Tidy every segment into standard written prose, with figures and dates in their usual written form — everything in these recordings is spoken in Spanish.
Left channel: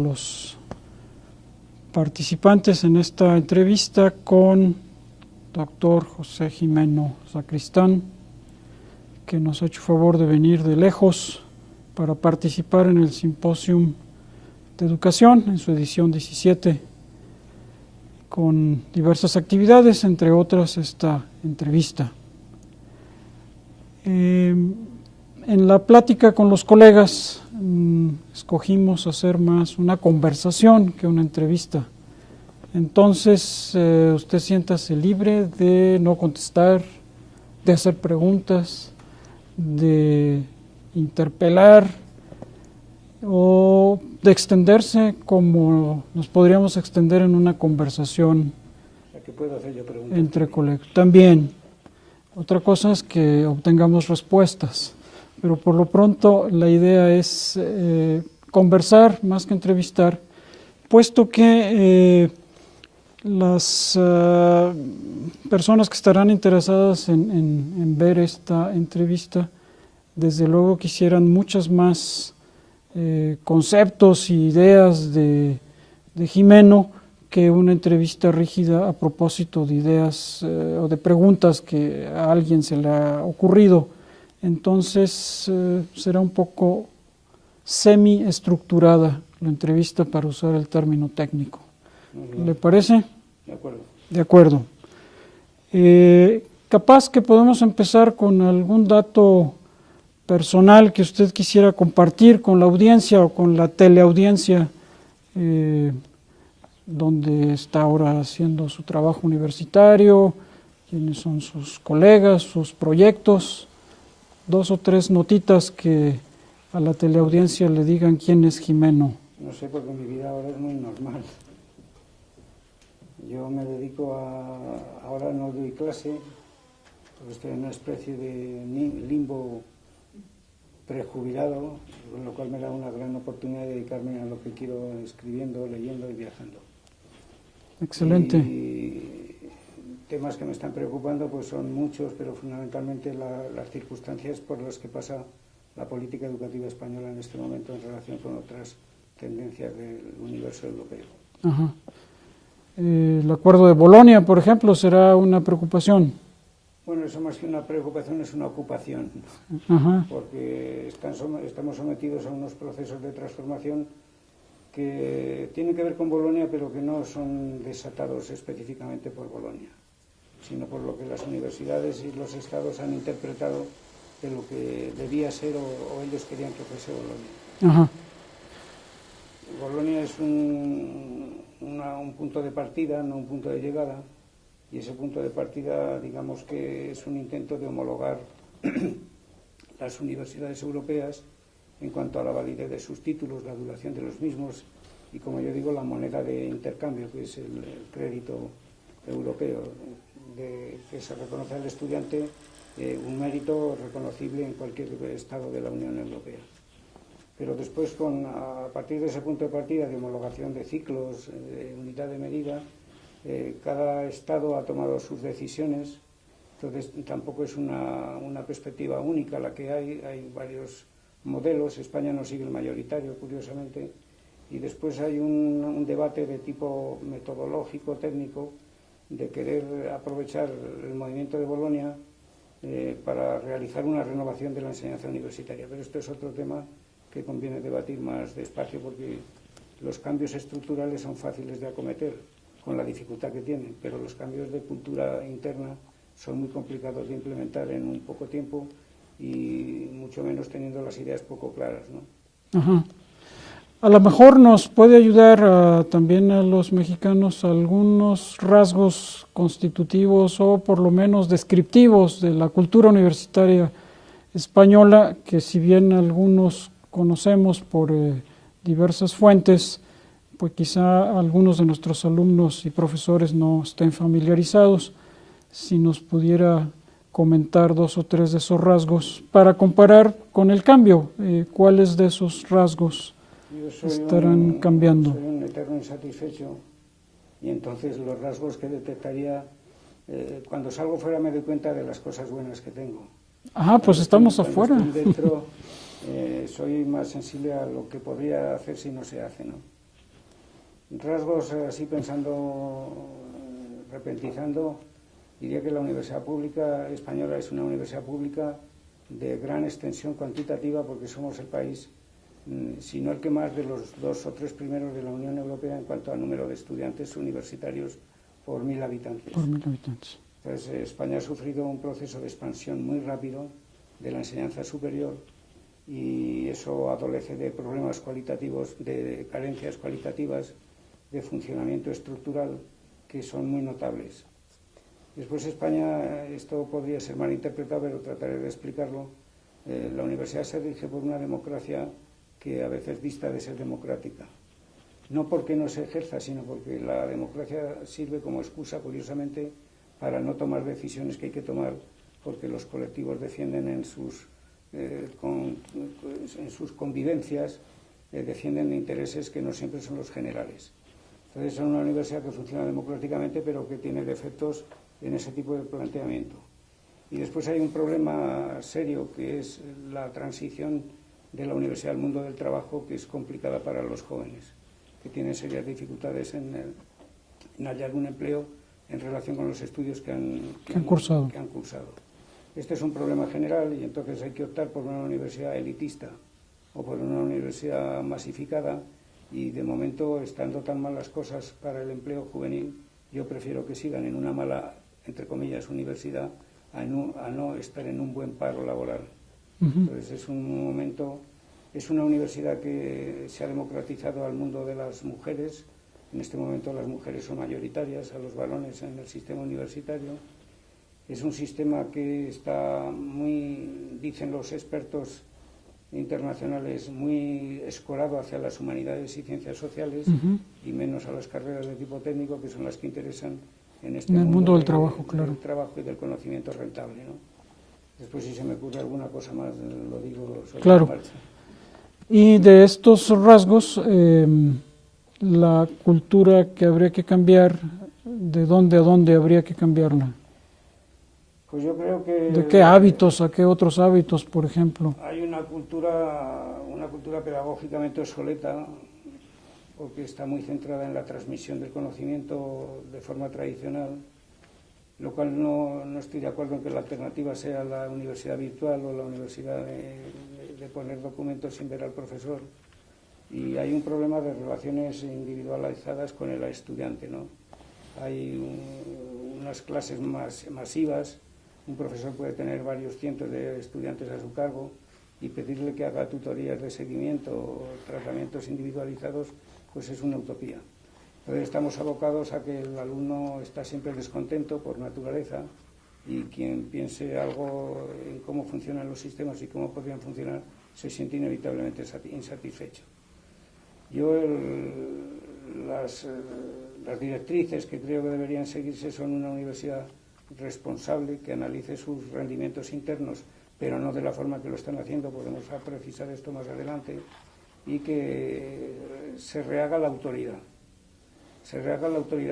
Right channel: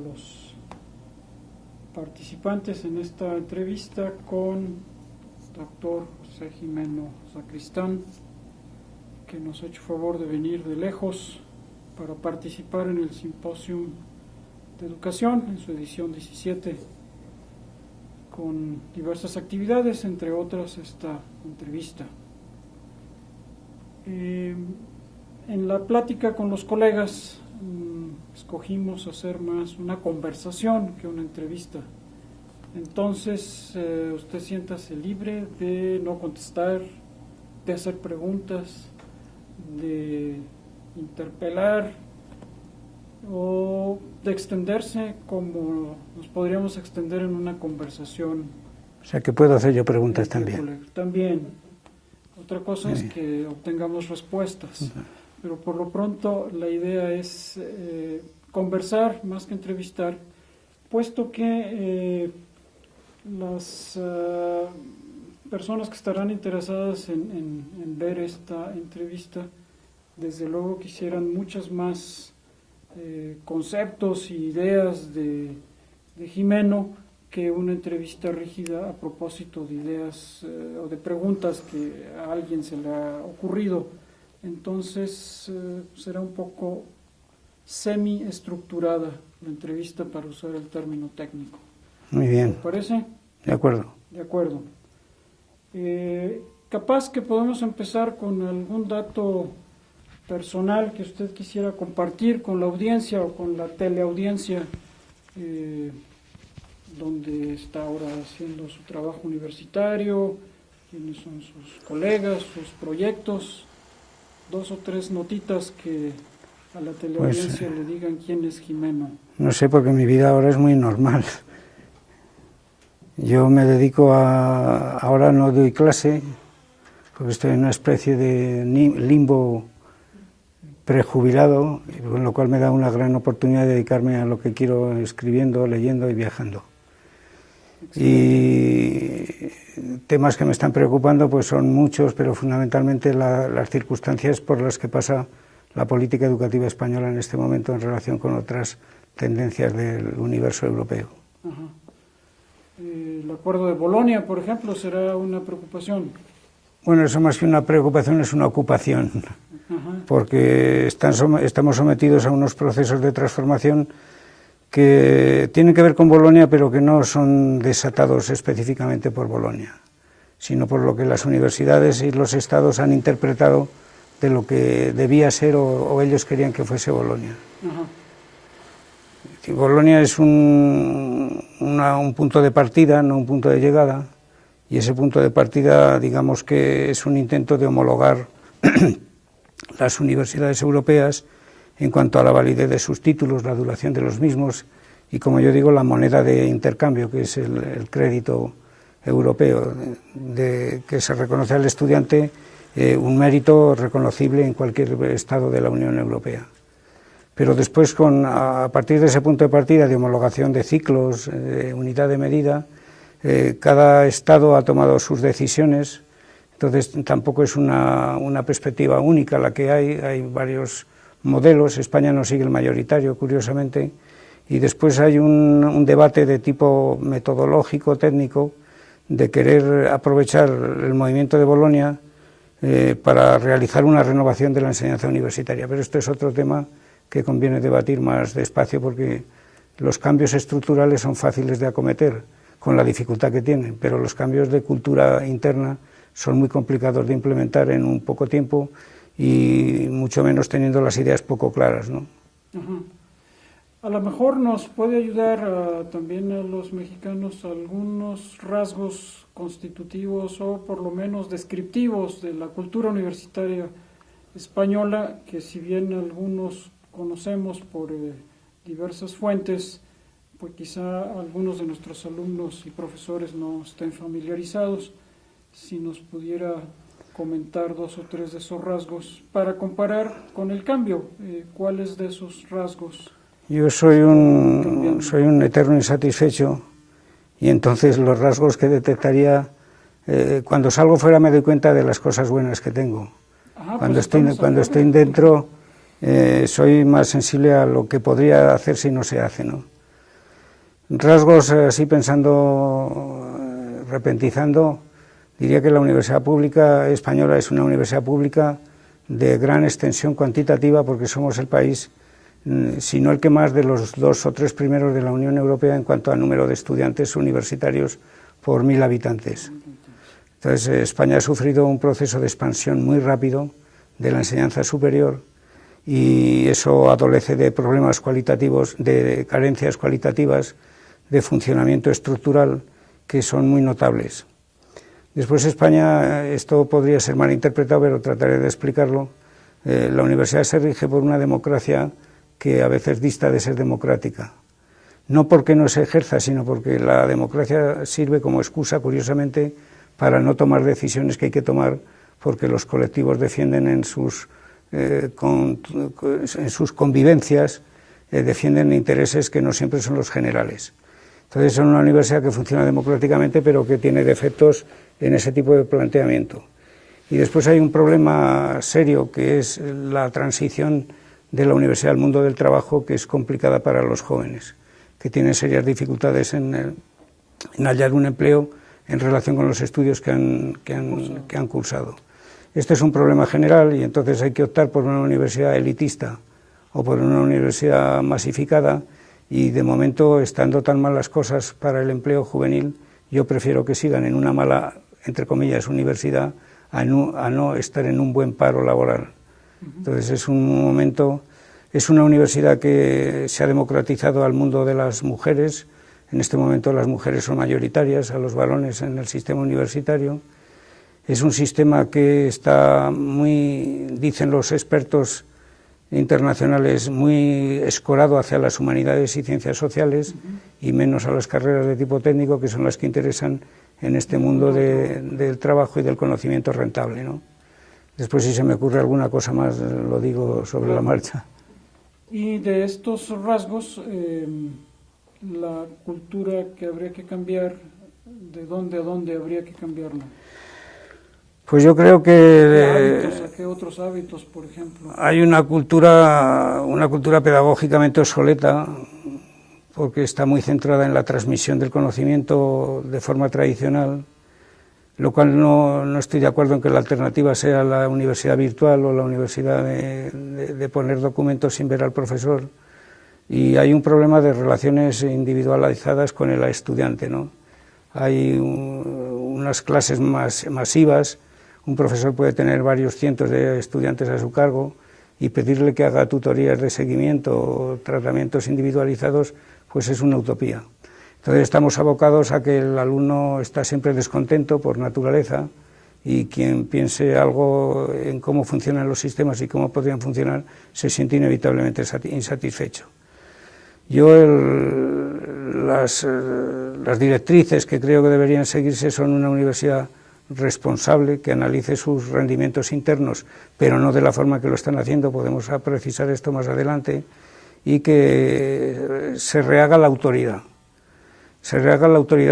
Los participantes en esta entrevista con doctor José Gimeno Sacristán, que nos ha hecho favor de venir de lejos para participar en el Simposium de Educación en su edición 17, con diversas actividades, entre otras esta entrevista. En la plática con los colegas escogimos hacer más una conversación que una entrevista. Entonces, usted siéntase libre de no contestar, de hacer preguntas, de interpelar o de extenderse como nos podríamos extender en una conversación. O sea, que puedo hacer yo preguntas entre también. colegas. También. Otra cosa es que obtengamos respuestas. Pero por lo pronto la idea es conversar más que entrevistar, puesto que las personas que estarán interesadas en ver esta entrevista, desde luego quisieran muchos más conceptos y ideas de Gimeno que una entrevista rígida a propósito de ideas o de preguntas que a alguien se le ha ocurrido. Entonces será un poco semi-estructurada la entrevista, para usar el término técnico. Muy bien. ¿Le parece? De acuerdo. De acuerdo. Capaz que podemos empezar con algún dato personal que usted quisiera compartir con la audiencia o con la teleaudiencia, donde está ahora haciendo su trabajo universitario, quiénes son sus colegas, sus proyectos. 2 o 3 notitas que a la teleaudiencia le digan quién es Gimeno. No sé, porque mi vida ahora es muy normal. Yo me dedico ahora no doy clase, porque estoy en una especie de limbo prejubilado, con lo cual me da una gran oportunidad de dedicarme a lo que quiero, escribiendo, leyendo y viajando. Excelente. Y temas que me están preocupando pues son muchos, pero fundamentalmente las circunstancias por las que pasa la política educativa española en este momento en relación con otras tendencias del universo europeo. Ajá. El acuerdo de Bolonia, por ejemplo, será una preocupación. Bueno, eso más que una preocupación es una ocupación. Ajá. Porque estamos sometidos a unos procesos de transformación que tienen que ver con Bolonia, pero que no son desatados específicamente por Bolonia, sino por lo que las universidades y los estados han interpretado de lo que debía ser o ellos querían que fuese Bolonia. Ajá. Bolonia es un punto de partida, no un punto de llegada, y ese punto de partida, digamos que es un intento de homologar las universidades europeas en cuanto a la validez de sus títulos, la duración de los mismos y, como yo digo, la moneda de intercambio, que es el crédito europeo, que se reconoce al estudiante un mérito reconocible en cualquier estado de la Unión Europea. Pero después, a partir de ese punto de partida de homologación de ciclos, de unidad de medida, cada estado ha tomado sus decisiones, entonces tampoco es una perspectiva única la que hay varios modelos. España no sigue el mayoritario, curiosamente, y después hay un debate de tipo metodológico, técnico, de querer aprovechar el movimiento de Bolonia para realizar una renovación de la enseñanza universitaria. Pero esto es otro tema que conviene debatir más despacio, porque los cambios estructurales son fáciles de acometer, con la dificultad que tienen, pero los cambios de cultura interna son muy complicados de implementar en un poco tiempo, y mucho menos teniendo las ideas poco claras, ¿no? Ajá. A lo mejor nos puede ayudar también a los mexicanos algunos rasgos constitutivos o por lo menos descriptivos de la cultura universitaria española, que si bien algunos conocemos por diversas fuentes, pues quizá algunos de nuestros alumnos y profesores no estén familiarizados. Si nos pudiera comentar 2 o 3 de esos rasgos para comparar con el cambio, ¿cuáles de esos rasgos? Yo soy un eterno insatisfecho, y entonces los rasgos que detectaría, cuando salgo fuera me doy cuenta de las cosas buenas que tengo. Ajá, pues estamos afuera. Cuando estoy dentro soy más sensible a lo que podría hacer si no se hace, ¿no? Rasgos, así pensando, repentizando, diría que la Universidad Pública Española es una universidad pública de gran extensión cuantitativa, porque somos el país, si no el que más, de los 2 o 3 primeros de la Unión Europea en cuanto a número de estudiantes universitarios por 1000 habitantes. Entonces, España ha sufrido un proceso de expansión muy rápido de la enseñanza superior, y eso adolece de problemas cualitativos, de carencias cualitativas, de funcionamiento estructural que son muy notables. Después España, esto podría ser mal interpretado, pero trataré de explicarlo. La universidad se rige por una democracia que a veces dista de ser democrática. No porque no se ejerza, sino porque la democracia sirve como excusa, curiosamente, para no tomar decisiones que hay que tomar, porque los colectivos defienden en sus convivencias, defienden intereses que no siempre son los generales. Entonces, es una universidad que funciona democráticamente, pero que tiene defectos en ese tipo de planteamiento. Y después hay un problema serio, que es la transición de la universidad al mundo del trabajo, que es complicada para los jóvenes, que tienen serias dificultades en hallar un empleo en relación con los estudios que han cursado. Este es un problema general, y entonces hay que optar por una universidad elitista o por una universidad masificada, y de momento, estando tan mal las cosas para el empleo juvenil, yo prefiero que sigan en una mala, entre comillas, universidad, a no estar en un buen paro laboral. Entonces es una universidad que se ha democratizado al mundo de las mujeres. En este momento las mujeres son mayoritarias a los varones en el sistema universitario. Es un sistema que está muy, dicen los expertos internacionales, muy escorado hacia las humanidades y ciencias sociales, y menos a las carreras de tipo técnico, que son las que interesan en este mundo del trabajo y del conocimiento rentable, ¿no? Después, si se me ocurre alguna cosa más, lo digo sobre la marcha. Y de estos rasgos, la cultura que habría que cambiar, ¿de dónde a dónde habría que cambiarla? Pues yo creo que... ¿De qué hábitos, a qué otros hábitos, por ejemplo? Hay una cultura pedagógicamente obsoleta, porque está muy centrada en la transmisión del conocimiento de forma tradicional, lo cual no estoy de acuerdo en que la alternativa sea la universidad virtual o la universidad de poner documentos sin ver al profesor. Y hay un problema de relaciones individualizadas con el estudiante, ¿no? Hay unas clases masivas. Un profesor puede tener varios cientos de estudiantes a su cargo, y pedirle que haga tutorías de seguimiento o tratamientos individualizados, pues es una utopía. Entonces estamos abocados a que el alumno está siempre descontento por naturaleza, y quien piense algo en cómo funcionan los sistemas y cómo podrían funcionar se siente inevitablemente insatisfecho. Yo las directrices que creo que deberían seguirse son una universidad responsable, que analice sus rendimientos internos, pero no de la forma que lo están haciendo, podemos precisar esto más adelante, y que se rehaga la autoridad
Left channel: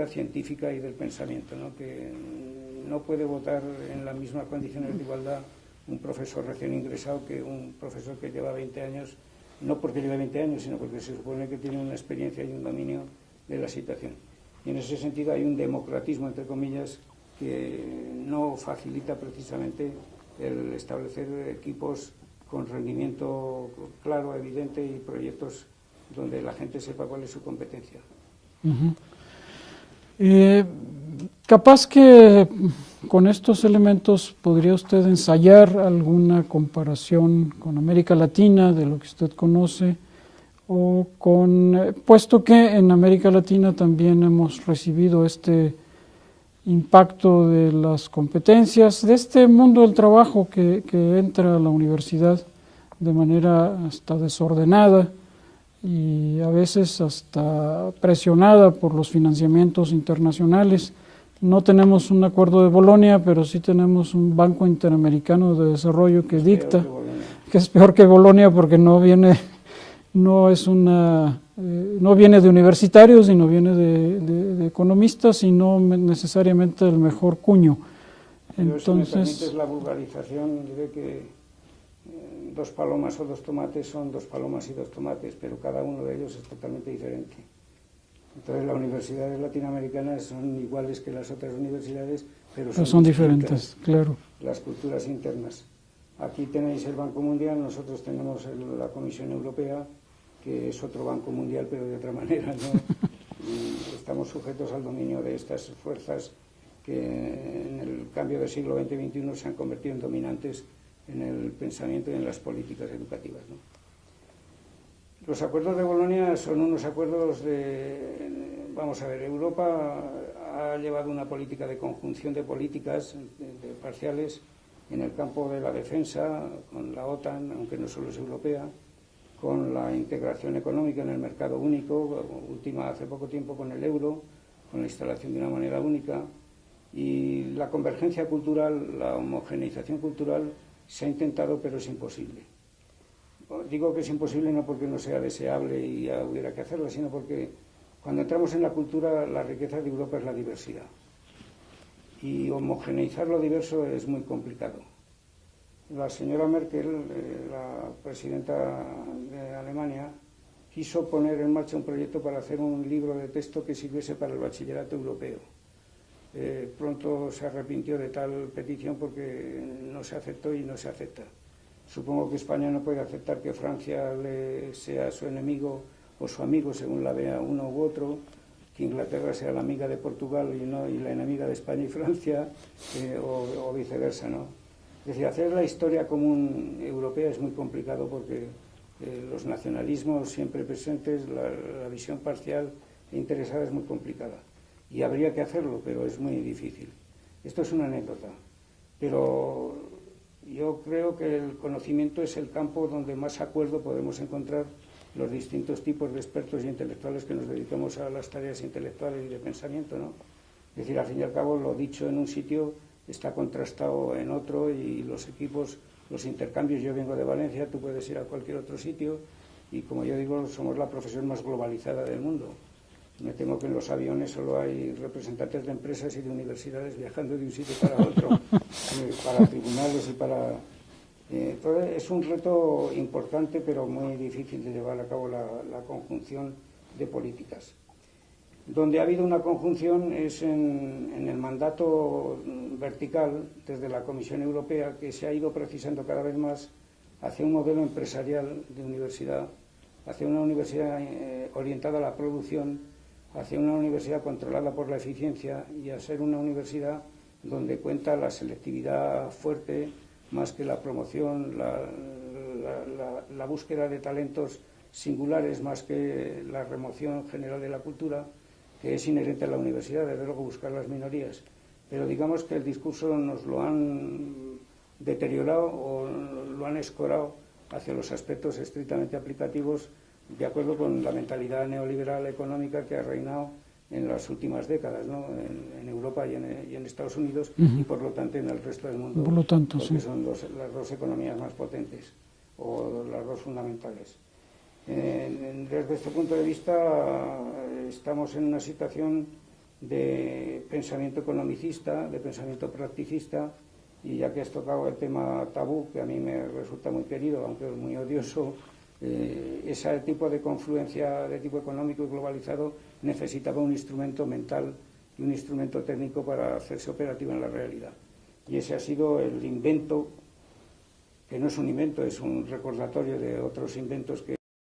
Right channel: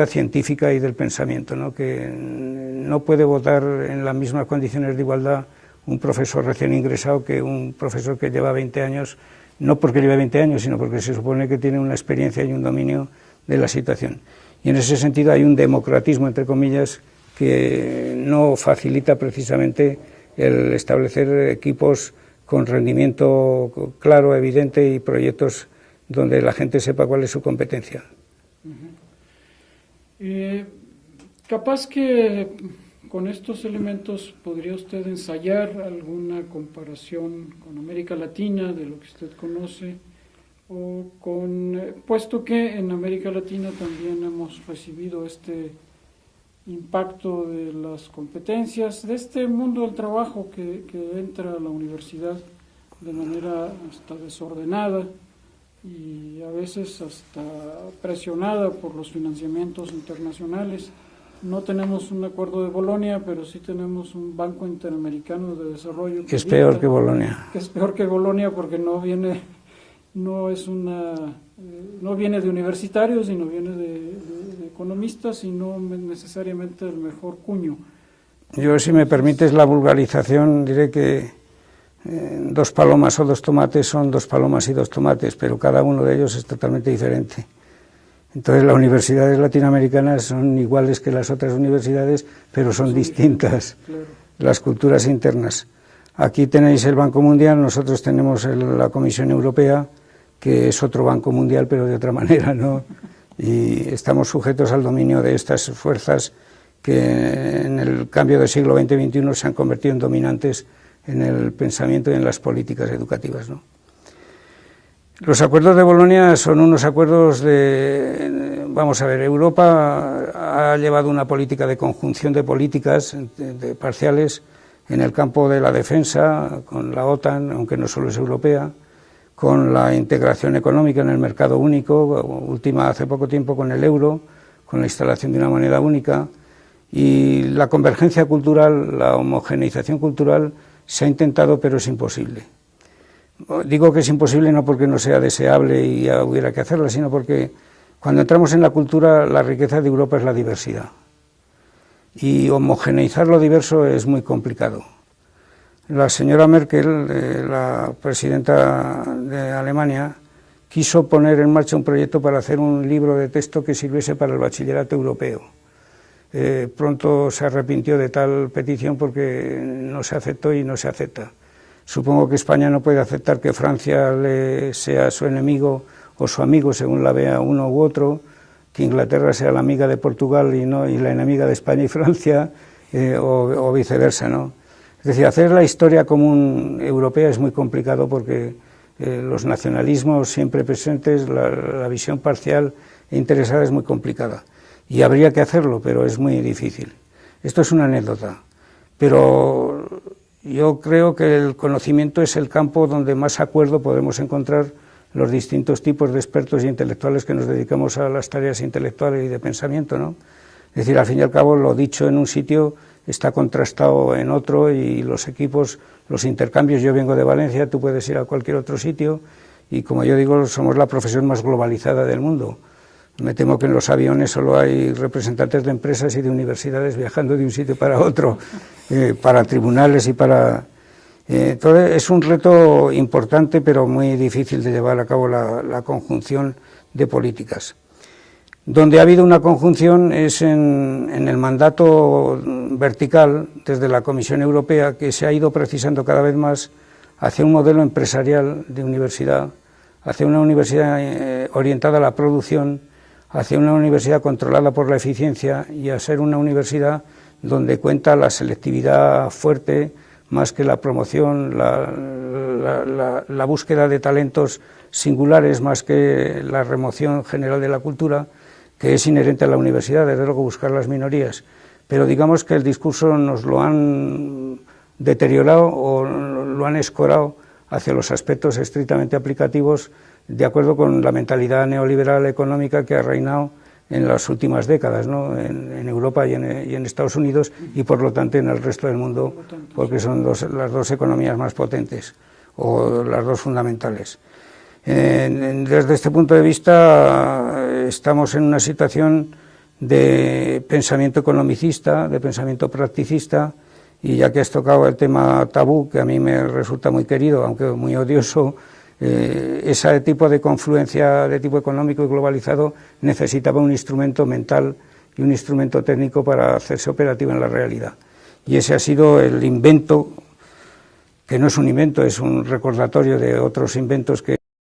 científica y del pensamiento, ¿no? Que no puede votar en las mismas condiciones de igualdad un profesor recién ingresado que un profesor que lleva 20 años, no porque lleve 20 años, sino porque se supone que tiene una experiencia y un dominio de la situación. Y en ese sentido hay un democratismo, entre comillas, que no facilita precisamente el establecer equipos con rendimiento claro, evidente, y proyectos donde la gente sepa cuál es su competencia. Capaz que con estos elementos podría usted ensayar alguna comparación con América Latina, de lo que usted conoce, o puesto que en América Latina también hemos recibido este impacto de las competencias, de este mundo del trabajo que entra a la universidad de manera hasta desordenada y a veces hasta presionada por los financiamientos internacionales. No tenemos un acuerdo de Bolonia, pero sí tenemos un Banco Interamericano de Desarrollo que es peor que Bolonia. Que es peor que Bolonia, porque no viene de universitarios, sino viene de economistas, y no necesariamente del mejor cuño. Yo, si me permites la vulgarización, diré que 2 palomas o 2 tomates son 2 palomas y 2 tomates, pero cada uno de ellos es totalmente diferente. Entonces las universidades latinoamericanas son iguales que las otras universidades, pero son distintas, claro. Las culturas internas. Aquí tenéis el Banco Mundial, nosotros tenemos la Comisión Europea, que es otro Banco Mundial, pero de otra manera, ¿no? Y estamos sujetos al dominio de estas fuerzas que en el cambio del siglo XX-XXI se han convertido en dominantes en el pensamiento y en las políticas educativas, ¿no? Los acuerdos de Bolonia son unos acuerdos vamos a ver, Europa ha llevado una política de conjunción de políticas parciales en el campo de la defensa, con la OTAN, aunque no solo es europea, con la integración económica en el mercado único, hace poco tiempo con el euro, con la instalación de una moneda única, y la convergencia cultural, la homogeneización cultural se ha intentado, pero es imposible. Digo que es imposible no porque no sea deseable y ya hubiera que hacerla, sino porque cuando entramos en la cultura, la riqueza de Europa es la diversidad. Y homogeneizar lo diverso es muy complicado. La señora Merkel, la presidenta de Alemania, quiso poner en marcha un proyecto para hacer un libro de texto que sirviese para el bachillerato europeo. Pronto se arrepintió de tal petición porque no se aceptó y no se acepta. Supongo que España no puede aceptar que Francia sea su enemigo o su amigo, según la vea uno u otro, que Inglaterra sea la amiga de Portugal y la enemiga de España y Francia, o viceversa, ¿no? Es decir, hacer la historia común europea es muy complicado porque los nacionalismos siempre presentes, la visión parcial e interesada es muy complicada. Y habría que hacerlo, pero es muy difícil. Esto es una anécdota, pero yo creo que el conocimiento es el campo donde más acuerdo podemos encontrar los distintos tipos de expertos e intelectuales que nos dedicamos a las tareas intelectuales y de pensamiento, ¿no? Es decir, al fin y al cabo, lo dicho en un sitio está contrastado en otro y los equipos, los intercambios, yo vengo de Valencia, tú puedes ir a cualquier otro sitio y, como yo digo, somos la profesión más globalizada del mundo. Me temo que en los aviones solo hay representantes de empresas y de universidades viajando de un sitio para otro, para tribunales y para... Entonces es un reto importante, pero muy difícil de llevar a cabo la conjunción de políticas. Donde ha habido una conjunción es en el mandato vertical desde la Comisión Europea, que se ha ido precisando cada vez más hacia un modelo empresarial de universidad, hacia una universidad orientada a la producción, hacia una universidad controlada por la eficiencia y a ser una universidad donde cuenta la selectividad fuerte más que la promoción, la búsqueda de talentos singulares más que la remoción general de la cultura, que es inherente a la universidad, desde luego buscar las minorías. Pero digamos que el discurso nos lo han deteriorado o lo han escorado hacia los aspectos estrictamente aplicativos, de acuerdo con la mentalidad neoliberal económica que ha reinado en las últimas décadas, ¿no? en Europa y en Estados Unidos, y por lo tanto en el resto del mundo, porque son las dos economías más potentes, o las dos fundamentales. Desde este punto de vista estamos en una situación de pensamiento economicista, de pensamiento practicista, y ya que has tocado el tema tabú, que a mí me resulta muy querido, aunque muy odioso, ese tipo de confluencia de tipo económico y globalizado necesitaba un instrumento mental y un instrumento técnico para hacerse operativo en la realidad. Y ese ha sido el invento, que no es un invento, es un recordatorio de otros inventos que